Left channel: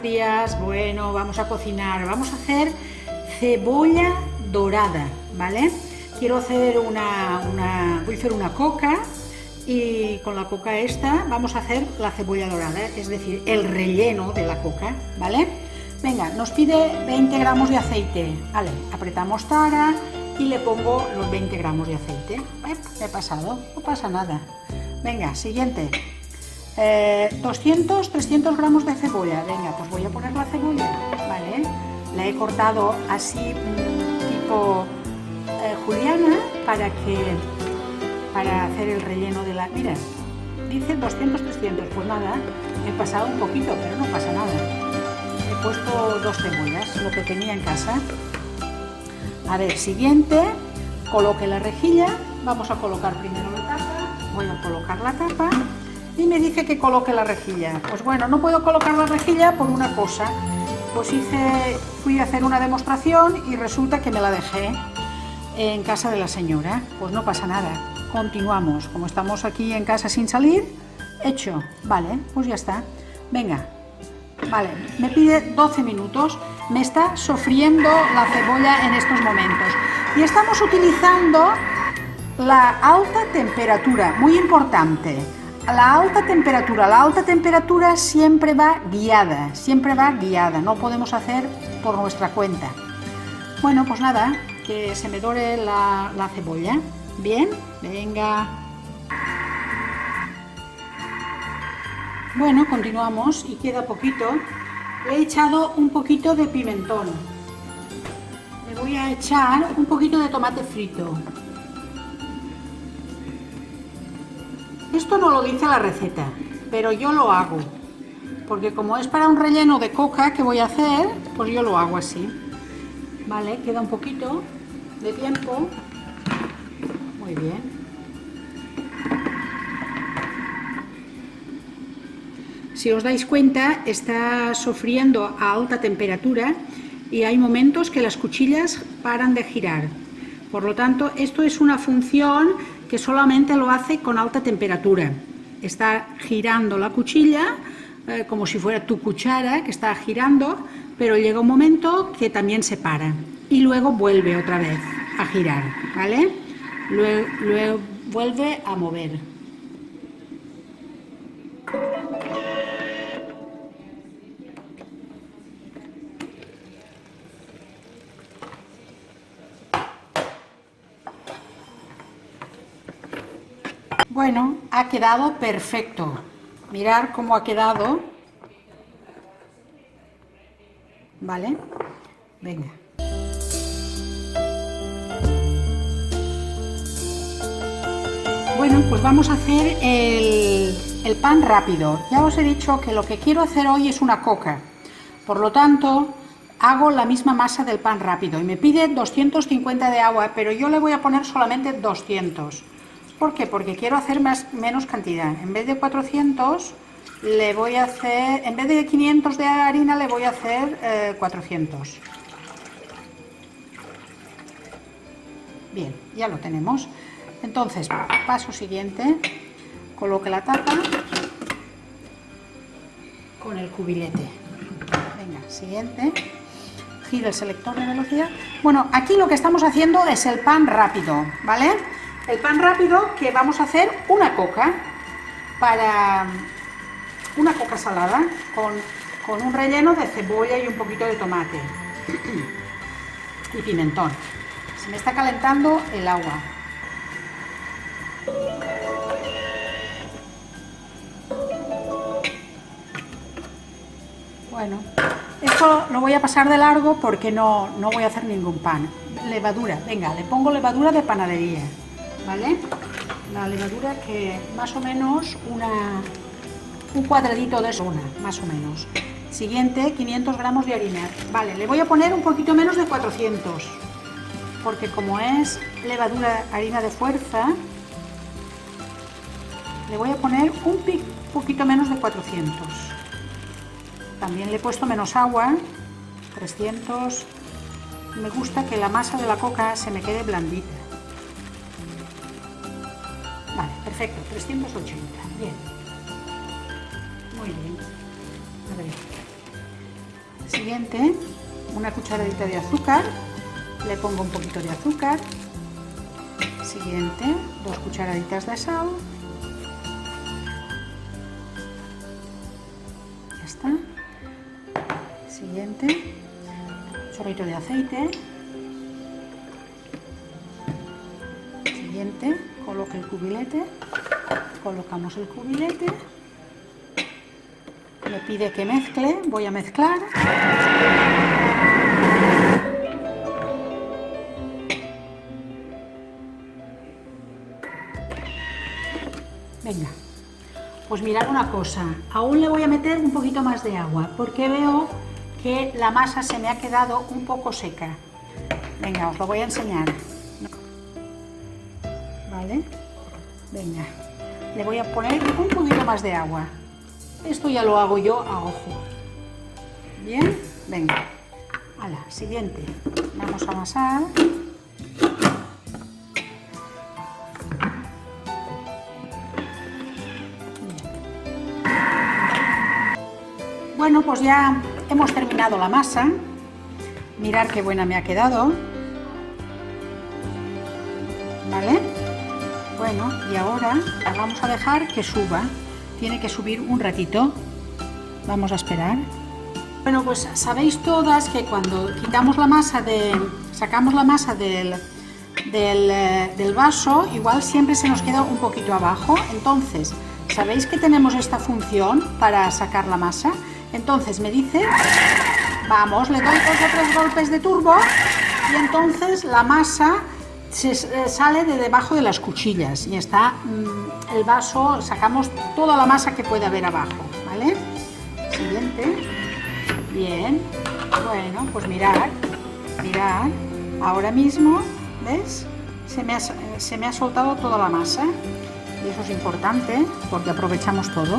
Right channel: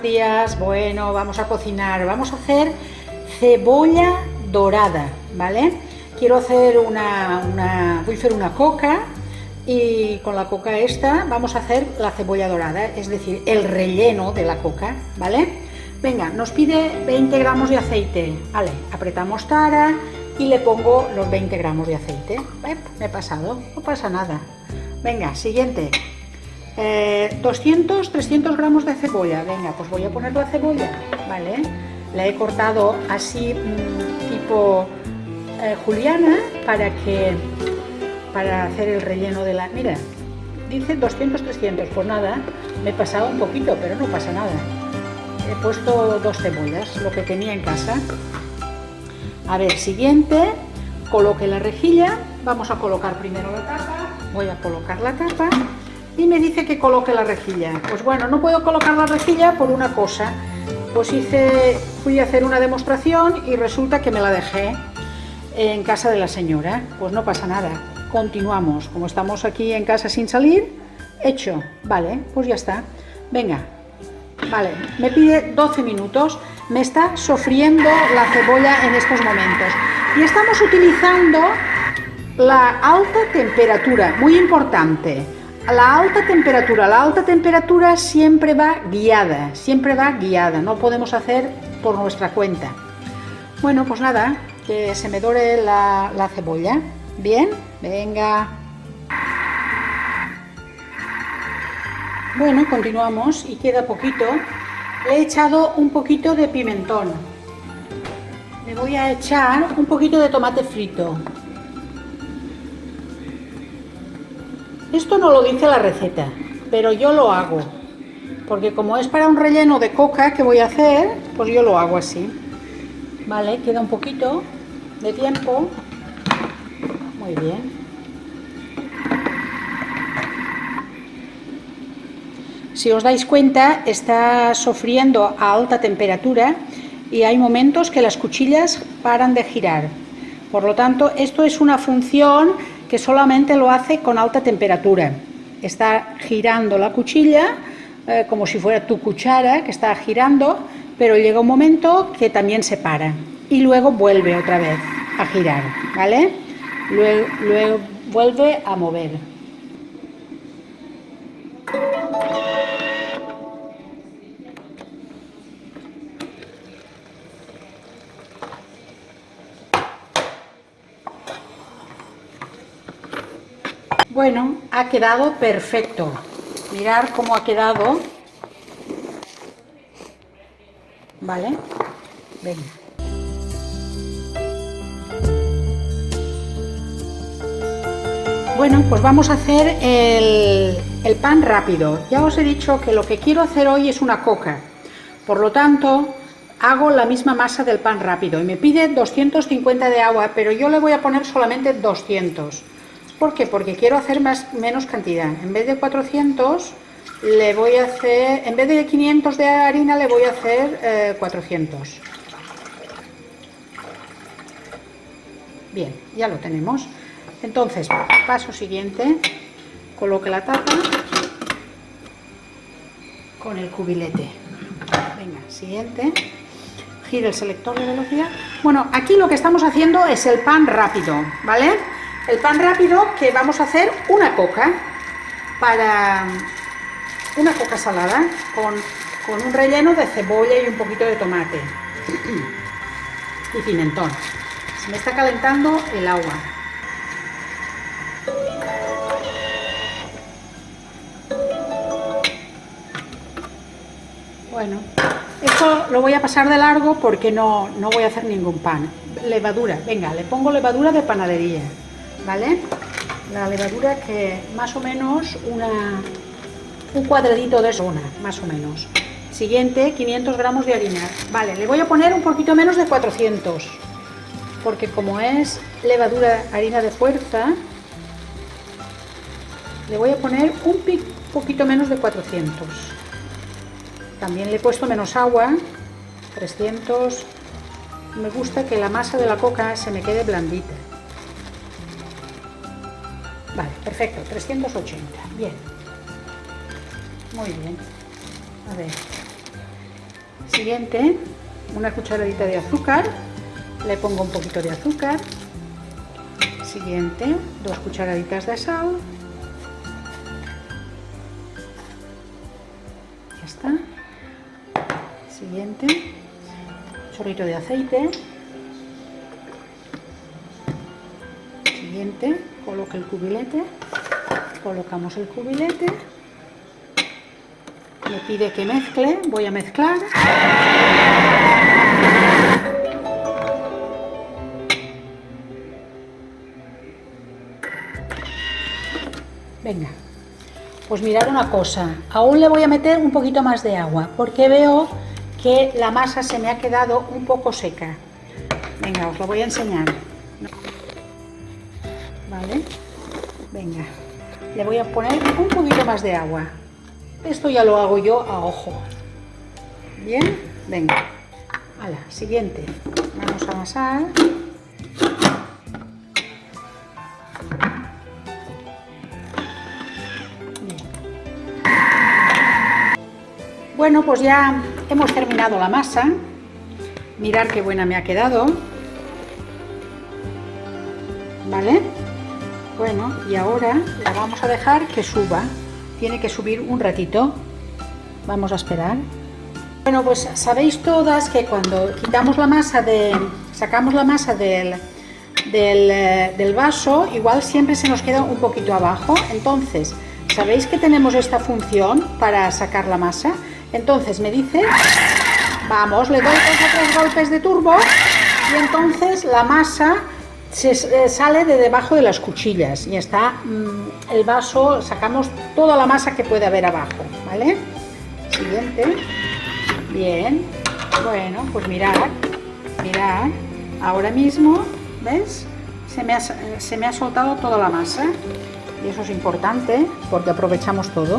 buenos días. Bueno, vamos a cocinar. Vamos a hacer cebolla dorada, ¿vale? Quiero hacer voy a hacer una coca y con la coca esta vamos a hacer la cebolla dorada, es decir, el relleno de la coca, ¿vale? Venga, nos pide 20 gramos de aceite. Vale, apretamos tara y le pongo los 20 gramos de aceite. Me he pasado, no pasa nada. Venga, siguiente. 300 gramos de cebolla. Venga, pues voy a poner la cebolla, ¿vale? La he cortado así tipo juliana para hacer el relleno de la... Mira, dice 200, pues nada, me he pasado un poquito, pero no pasa nada. He puesto 2 cebollas, lo que tenía en casa. A ver, siguiente, coloque la rejilla. Vamos a colocar primero la tapa. Voy a colocar la tapa. Y me dice que coloque la rejilla. Pues bueno, no puedo colocar la rejilla por una cosa. Pues fui a hacer una demostración y resulta que me la dejé en casa de la señora. Pues no pasa nada. Continuamos. Como estamos aquí en casa sin salir, hecho. Vale, pues ya está. Venga. Vale, me pide 12 minutos. Me está sofriendo la cebolla en estos momentos. Y estamos utilizando la alta temperatura. Muy importante. La alta temperatura siempre va guiada, no podemos hacer por nuestra cuenta. Bueno, pues nada, que se me dore la cebolla. Bien, venga. Bueno, continuamos y queda poquito. He echado un poquito de pimentón. Le voy a echar un poquito de tomate frito. Esto no lo dice la receta, pero yo lo hago, porque como es para un relleno de coca que voy a hacer, pues yo lo hago así. Vale, queda un poquito de tiempo. Muy bien. Si os dais cuenta, está sofriendo a alta temperatura y hay momentos que las cuchillas paran de girar. Por lo tanto, esto es una función que solamente lo hace con alta temperatura. Está girando la cuchilla como si fuera tu cuchara que está girando, pero llega un momento que también se para y luego vuelve otra vez a girar, ¿vale? Luego vuelve a mover. Bueno, ha quedado perfecto. Mirad cómo ha quedado. Vale, venga. Bueno, pues vamos a hacer el pan rápido. Ya os he dicho que lo que quiero hacer hoy es una coca. Por lo tanto, hago la misma masa del pan rápido. Y me pide 250 de agua, pero yo le voy a poner solamente 200. ¿Por qué? Porque quiero hacer menos cantidad. En vez de 400, le voy a hacer, en vez de 500 de harina, le voy a hacer 400. Bien, ya lo tenemos. Entonces, paso siguiente, coloque la tapa con el cubilete. Venga, siguiente. Gira el selector de velocidad. Bueno, aquí lo que estamos haciendo es el pan rápido, ¿vale? El pan rápido que vamos a hacer una coca salada con un relleno de cebolla y un poquito de tomate y pimentón. Se me está calentando el agua. Bueno, esto lo voy a pasar de largo porque no voy a hacer ningún pan. Levadura, venga, le pongo levadura de panadería. ¿Vale? La levadura que más o menos un cuadradito de zona, más o menos. Siguiente, 500 gramos de harina. Vale, le voy a poner un poquito menos de 400, porque como es levadura, harina de fuerza, le voy a poner un poquito menos de 400. También le he puesto menos agua, 300. Me gusta que la masa de la coca se me quede blandita. Vale, perfecto, 380, bien. Muy bien. A ver. Siguiente, una cucharadita de azúcar, le pongo un poquito de azúcar. Siguiente, 2 cucharaditas de sal. Ya está. Siguiente, un chorrito de aceite. Siguiente, coloco el cubilete. Colocamos el cubilete. Me pide que mezcle, voy a mezclar. Venga, pues mirad una cosa, aún le voy a meter un poquito más de agua porque veo que la masa se me ha quedado un poco seca. Venga, os lo voy a enseñar. Vale, venga, le voy a poner un poquito más de agua. Esto ya lo hago yo a ojo. Bien, venga. Hala, siguiente. Vamos a amasar. Bueno, pues ya hemos terminado la masa. Mirad qué buena me ha quedado. ¿Vale? Bueno, y ahora la vamos a dejar que suba. Tiene que subir un ratito. Vamos a esperar. Bueno, pues sabéis todas que cuando quitamos la masa sacamos la masa del vaso, igual siempre se nos queda un poquito abajo. Entonces, ¿sabéis que tenemos esta función para sacar la masa? Entonces me dice, vamos, le doy 2 golpes de turbo y entonces la masa sale de debajo de las cuchillas y está el vaso, sacamos toda la masa que puede haber abajo, ¿vale? Siguiente. Bien. Bueno, pues mirad, ahora mismo, ¿ves? Se me ha soltado toda la masa y eso es importante porque aprovechamos todo.